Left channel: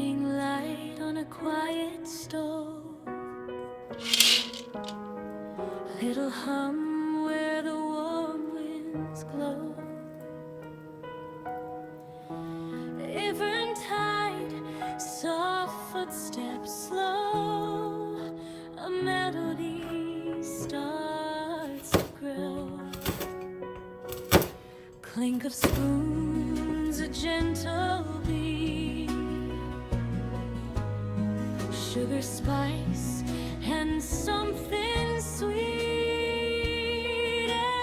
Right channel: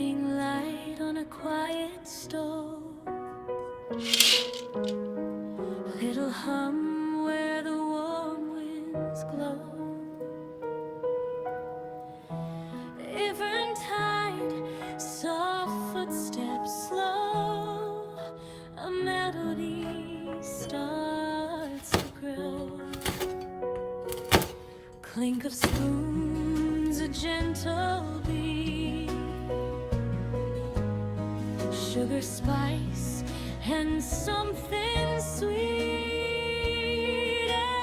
morning light on a quiet stove, little hum where the warm winds glow. Eventide, soft footsteps slow, a melody starts to grow. Clink of spoons, a gentle beat, sugar, spice, and something sweet.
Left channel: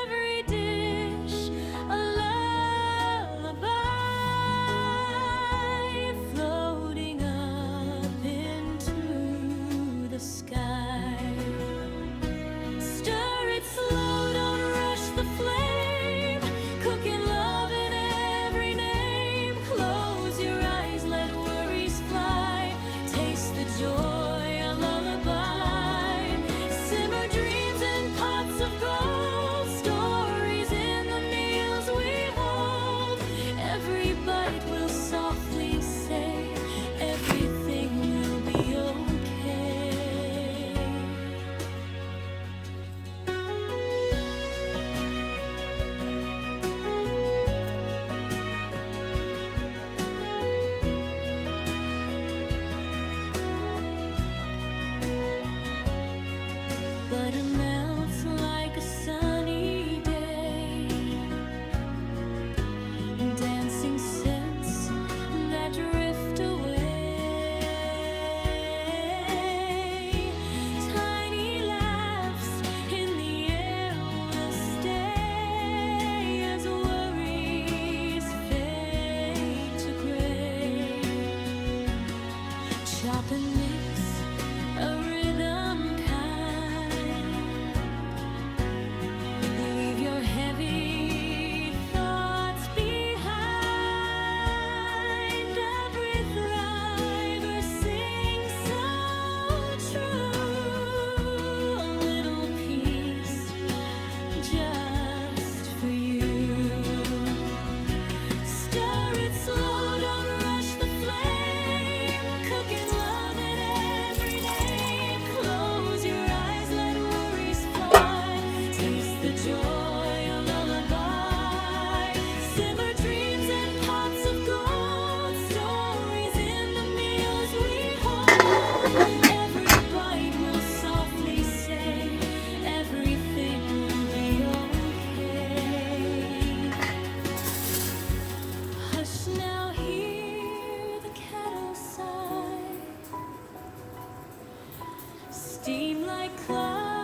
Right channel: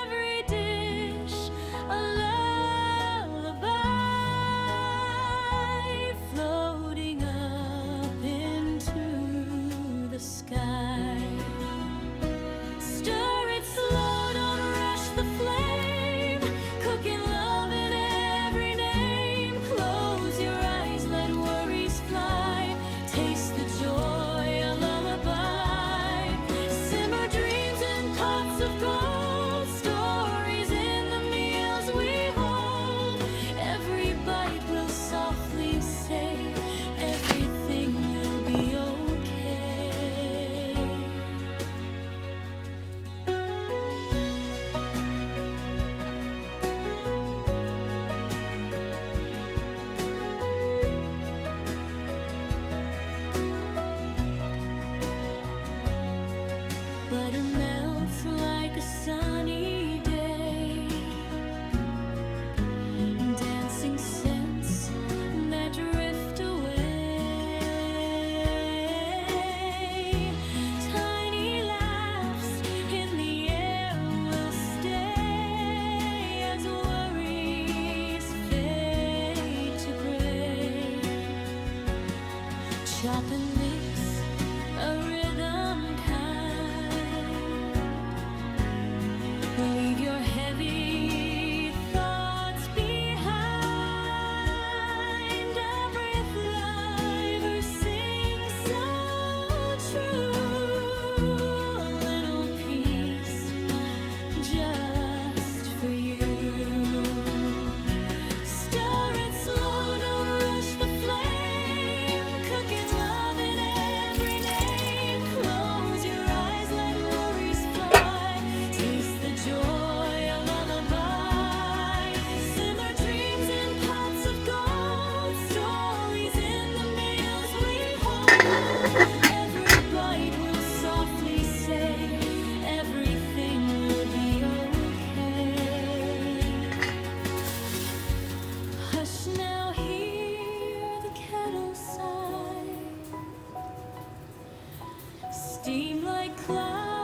Every dish a lullaby, floating up into the sky. Stir it slow, don't rush the flame, cooking love in every name. Close your eyes, let worries fly, taste the joy, a lullaby. Simmer dreams in pots of gold, stories in the meals we hold. Every bite will softly say, everything will be okay. Butter melts like a sunny day, dancing scents that drift away. Tiny laughs in the air will stay as worries fade to gray. Chop and mix a rhythm kind, leave your heavy thoughts behind. Every thriver sings so true, a little piece just for you. Stir it slow, don't rush the flame, cooking love in every name. Close your eyes, let worries fly, taste the joy, a lullaby. Simmer dreams in pots of gold, stories in the meals we hold. Every bite will softly say, everything will be okay. Hush now, hear the kettle sigh, steam like clouds